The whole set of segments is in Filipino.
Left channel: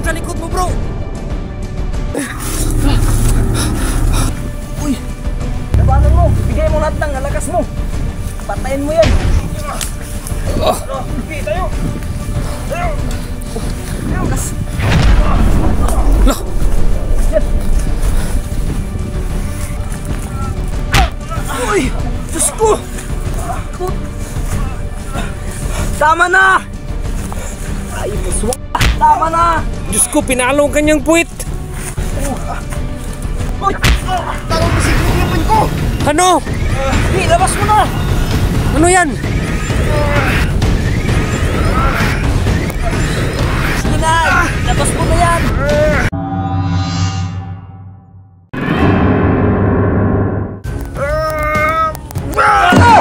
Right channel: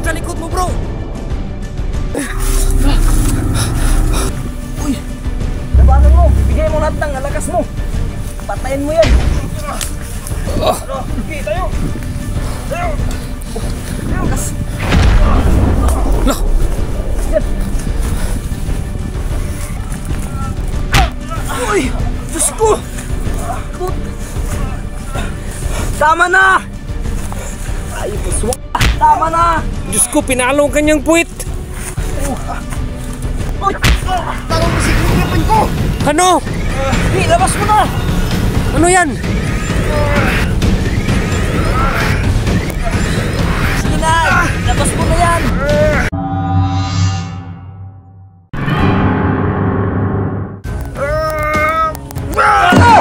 yan sa likod mo, bro! Uy! Labanan mo! Bigay mo lahat ng lakas mo! Patayin mo yan! Okay, tayo! Tayo! Lakas! Lah! Yan! Uy! Diyos ko! Tama na! Ay, puswa! Tama na! Diyos ko, pinalo ang kanyang puwit! Uy! Tawag mo si Griffin ko! Ano? Hey, labas mo na! Ano yan? Sige na! Labas mo na yan!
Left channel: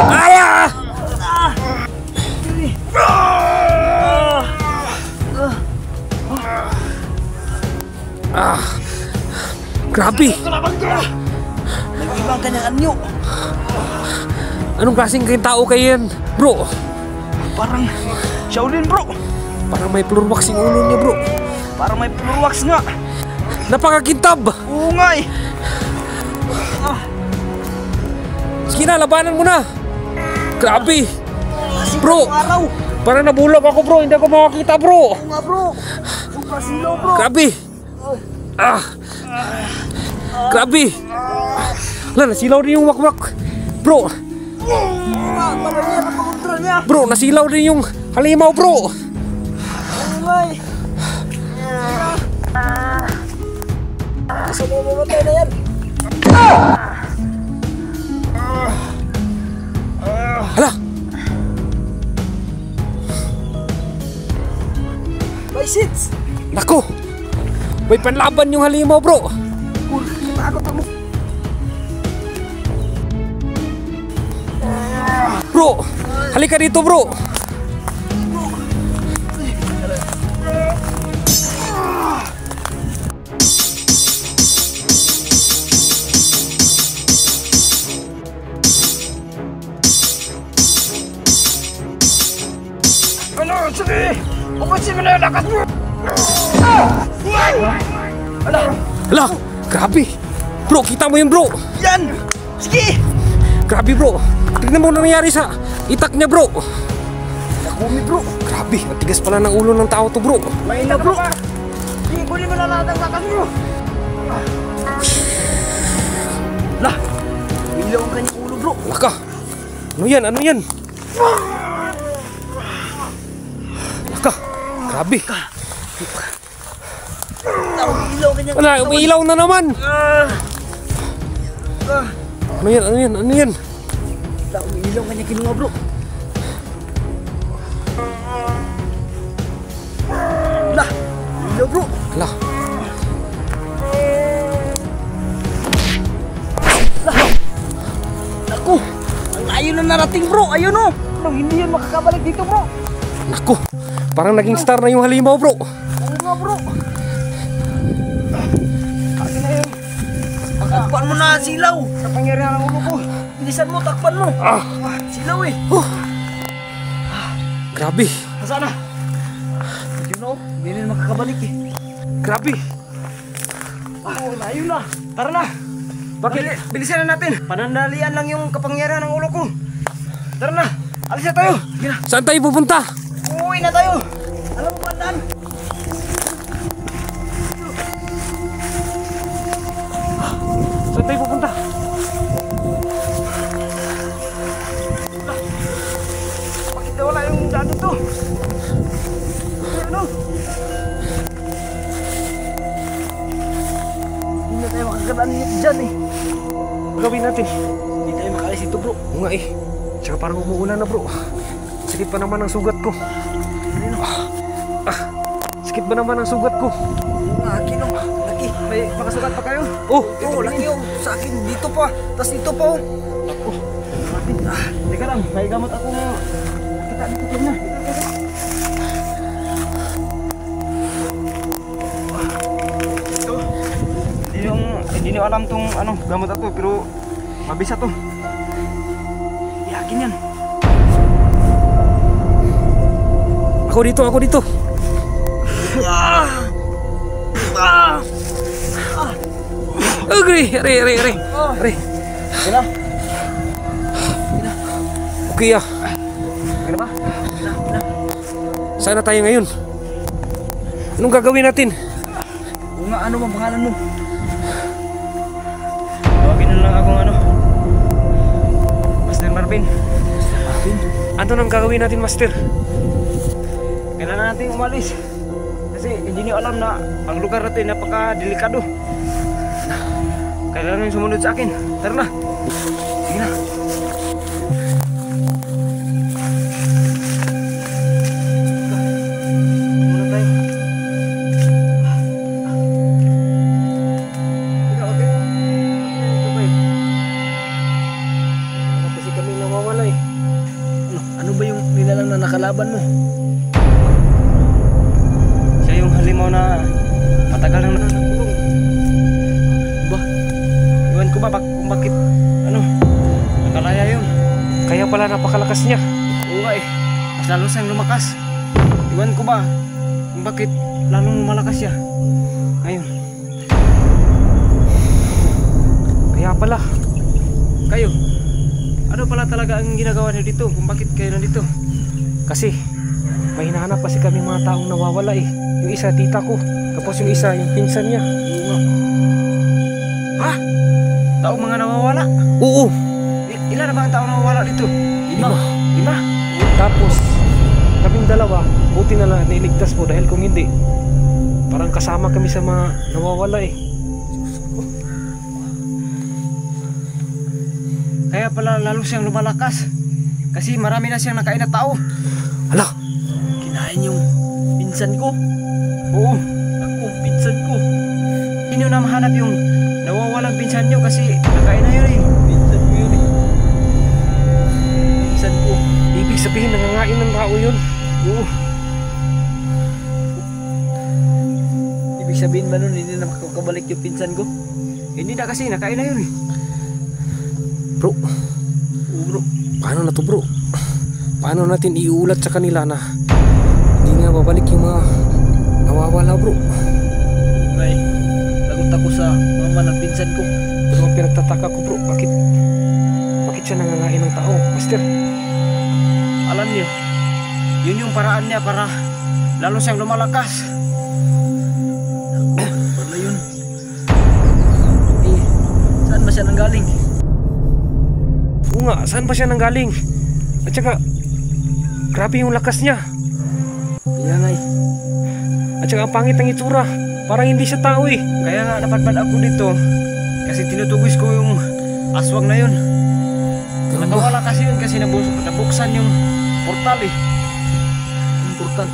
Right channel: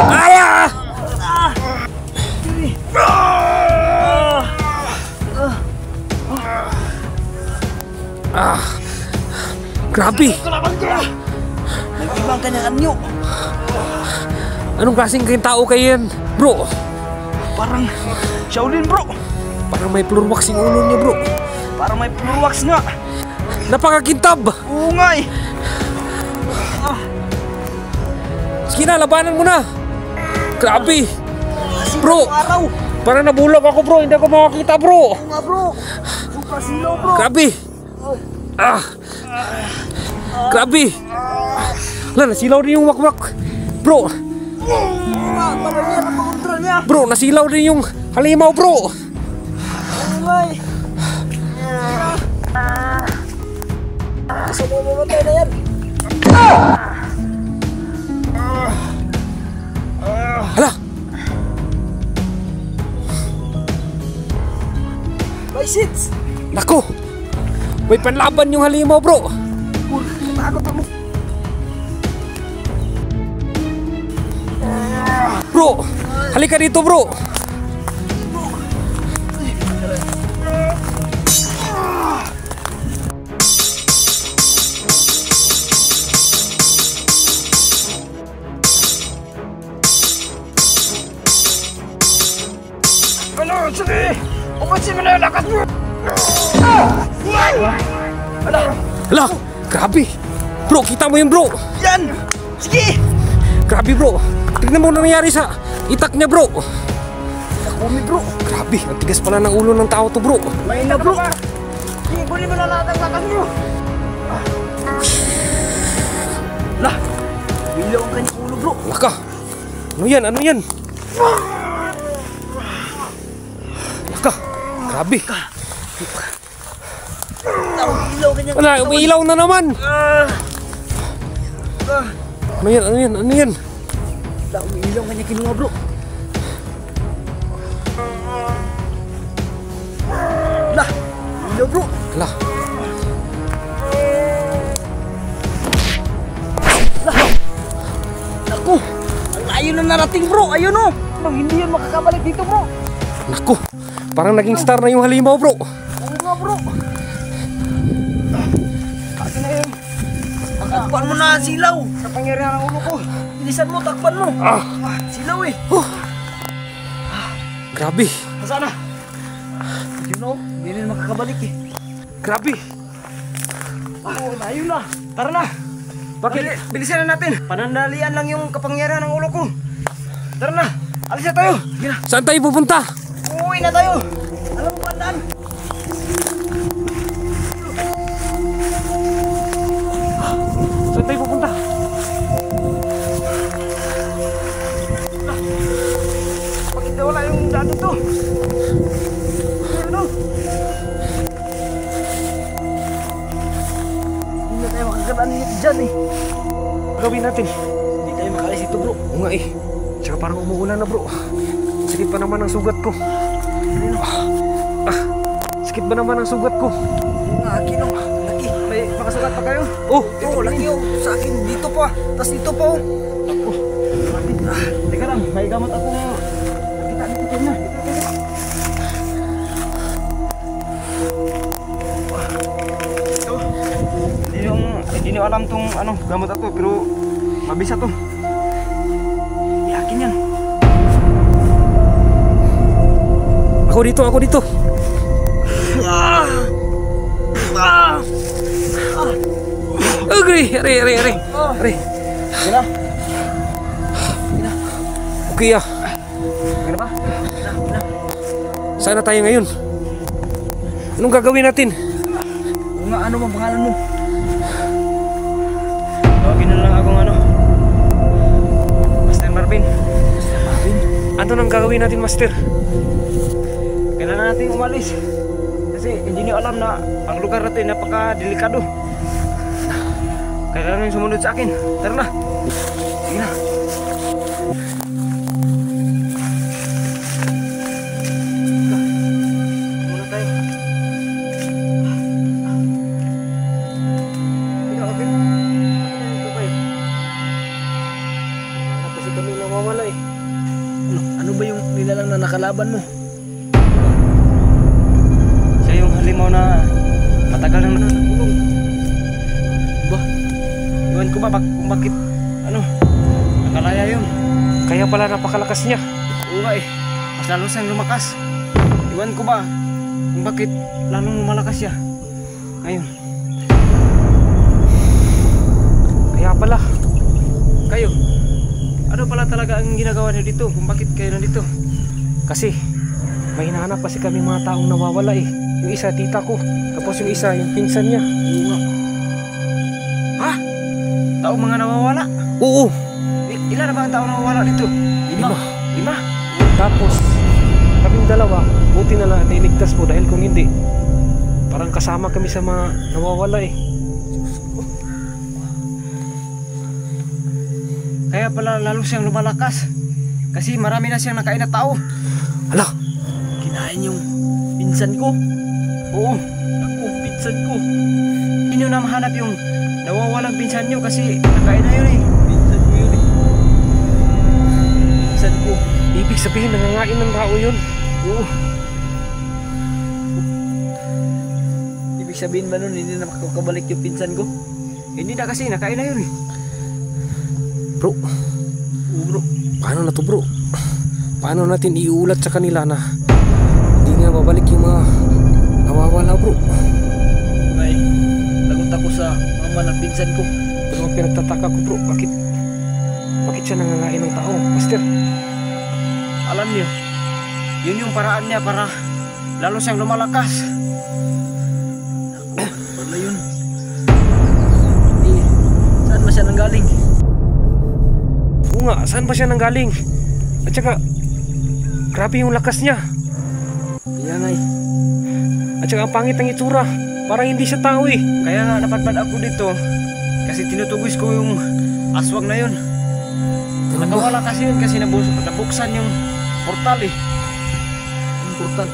Aya! Grabe! Nag-ibang kanyang anyo! Anong klaseng kayong tao kayo yan, bro? Parang Shaolin, bro! Parang may plurwax yung ulo niya, bro. Parang may plurwax nga! Napakakintab! Oo nga eh! Sige na, labanan mo na! Grabe! Kasi Bro! araw! Parang nabulag ako, bro. Hindi ako makakita, bro. Oo nga, bro! Supra silaw, bro! Grabe! Grabe! Wala, nasilaw din yung wakwak. Bro! Tagal niya na pagkontra niya! Bro, nasilaw din yung halimaw, bro. Oo nga eh! Gusto mo mamatay na yan? Hala! License! Nako! May panlaban yung halimaw, bro. Natakot ako! Bro! Halika dito, bro. Ano? Sige! Umasin mo na yung lakas mo! Ala! Hala! Grabe! Bro, kita mo yun, bro. Yan! Sige! Grabe, bro. Tignan mo na nangyari sa itak niya, bro. Nakumi, bro! Grabe, ang tigas pala ng ulo ng tao to, bro. May na, bro! Sige, kunin mo na lahat ang lakas mo! Lah! Ilaw ang kanyang ulo, bro! Laka! Ano yan? Ano yan? Laka! Grabe! Ilaw ang kanyang Wala, umiilaw na naman! Ano yan? Ano yan? Ano yan? Umiilaw ang kanyang kinuha, bro! Lah! Ilaw, bro! Hala! Naku! Ang layo na narating, bro! Ayun, oh! Hindi yan makakabalik dito, bro! Naku! Parang naging star na yung halimaw, bro. Oo nga, bro! Akin na yun! Takpan mo na, silaw! Sa pangyarihan ng ulo ko! Bilisan mo, takpan mo! Silaw eh! Grabe! Nasaan na? You know, hindi rin makakabalik eh. Grabe! Layo na! Tara na! Bakit? Bilisan na natin! Panandalian lang yung kapangyarihan ng ulo ko! Tara na! Alis na tayo! Sige na! Saan tayo pupunta? Uuwi na tayo! Alam mo ba daan? Saan tayo pupunta? Bakit na wala yung daan dito? Ano? Hindi na tayo makakadaan dyan eh. Gawin natin. Hindi tayo makalis dito, bro. Oo nga eh. Tsaka parang umuulan na, bro. Sakit pa naman ang sugat ko. Sakit ba naman ang sugat ko? Oo nga, akin oh. Laki. May makasugat pa kayo? Oh! Oo, laki oh. Sa akin, dito pa. Tapos dito pa oh. Ako. Teka lang, may gamot ako mo. Kita dito kayo na. Ito. Hindi nyo alam tong ano, gamot ako, pero mabisa to. Yakin yan. Ako dito, ako dito. Agri, are. Sige na. Okay ah. Sige na ba? Saan na tayo ngayon? Anong gagawin natin? Oo nga, ano bang pangalan mo? Tawagin na lang akong Master Marvin. Ano nang gagawin natin, Master? Kailangan natin umalis. Kasi hindi niyo alam na ang lugar natin napaka-delikado. Kailangan nyo sumunod sa akin. Tara na. Sige na. Muna tayo. Sige, okay. Ito ba yun? Hanap kasi kami nawawala eh. Ano ba yung nilalang na nakalaban mo? Siya yung halimaw na matagal nang nagkulong. Ba? Iwan ko ba kung bakit nakalaya yun? Kaya pala napakalakas niya. Oo nga eh. Mas lalo siyang lumakas. Iwan ko ba kung bakit lalong lumalakas siya ngayon? Kaya pala. Kayo, ano pala talaga ang ginagawa niyo dito? Kung bakit kayo nandito? Kasi may hinahanap kasi kami mga taong nawawala eh. Yung isa tita ko, tapos yung isa yung pinsan niya. Oo nga. Ha? Taong mga nawawala? Oo. Ilan na ba ang taong nawawala dito? Lima? Tapos kaming dalawa, buti na lang nailigtas po dahil kung hindi, parang kasama kami sa mga nawawala eh. Kaya pala lalo siyang lumalakas. Kasi marami na siyang nakain na tao. Hala, Kinain yung pinsan ko. Oo, ako, pinsan ko. Hindi nyo na mahanap yung nawawalang pinsan nyo kasi nakain na yun eh. Pinsan ko yun eh. Pinsan ko. ibig sabihin nangangain ng tao yun. Oo. Ibig sabihin ba nun hindi na makakabalik yung pinsan ko? Hindi na kasi nakain na yun eh. Bro, Oo bro. paano na to bro? Paano natin iulat sa kanila na hindi nga babalik yung mga nawawala bro? Okay. Lagot ako sa mama ng pinsan ko. Pero ang pinagtataka ko bro, bakit siya nangangain ng tao, Master? Alam niyo, yun yung paraan niya para lalo siyang lumalakas. Wala yun. Saan ba siya nanggaling? Oo nga, saan ba siya nanggaling? At saka, grabe yung lakas niya. Kaya nga eh. At saka ang pangit ng itsura. Parang hindi siya tao eh. Kaya nga napadpad ako dito kasi tinutugis ko yung aswang na yun. Ganun ba? Nakawala kasi yun kasi nabuksan yung portal eh. Yung portal?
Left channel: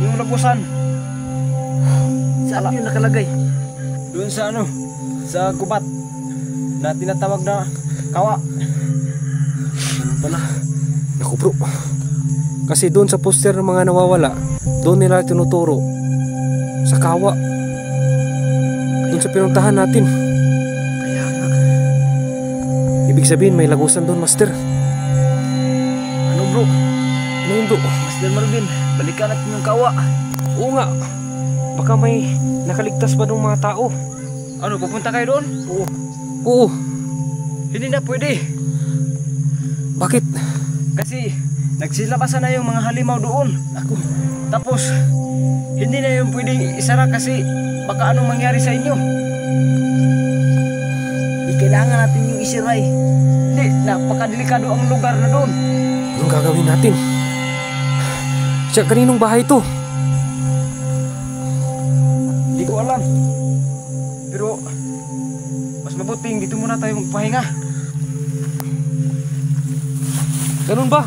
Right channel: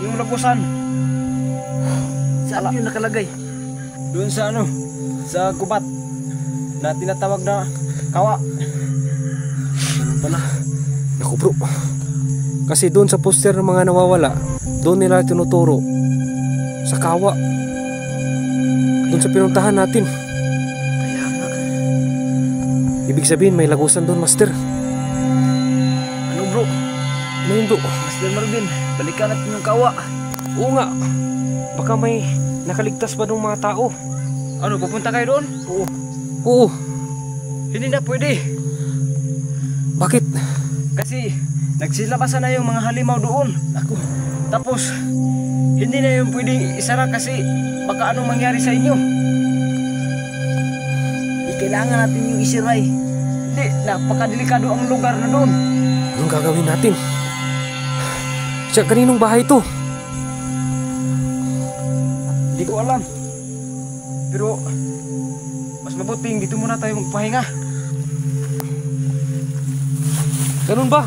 Yung lagusan. Saan yun nakalagay? Doon sa sa gubat na tinatawag na kawa. Ganun pala. Naku bro. Kasi doon sa poster ng mga nawawala, doon nila tinuturo sa kawa. Doon sa pinuntahan natin. Kaya nga. Ibig sabihin may lagusan doon, Master. Ano bro? Ano yun bro? Master Marvin, balikan natin yung kawa. Oo nga. Baka may nakaligtas ba ng mga tao? Ano, pupunta kayo doon? Oo. Hindi na pwede. Bakit? Kasi nagsilabasan na yung mga halimaw doon. Ako. Tapos hindi na yung pwedeng isara kasi baka anong mangyari sa inyo. Kailangan natin yung isiray. Hindi, napakadelikado ang lugar na doon. Anong gagawin natin? Siya, kaninong bahay to? Hindi ko alam. Pero mas mabuting dito muna tayo magpahinga. Ganun ba?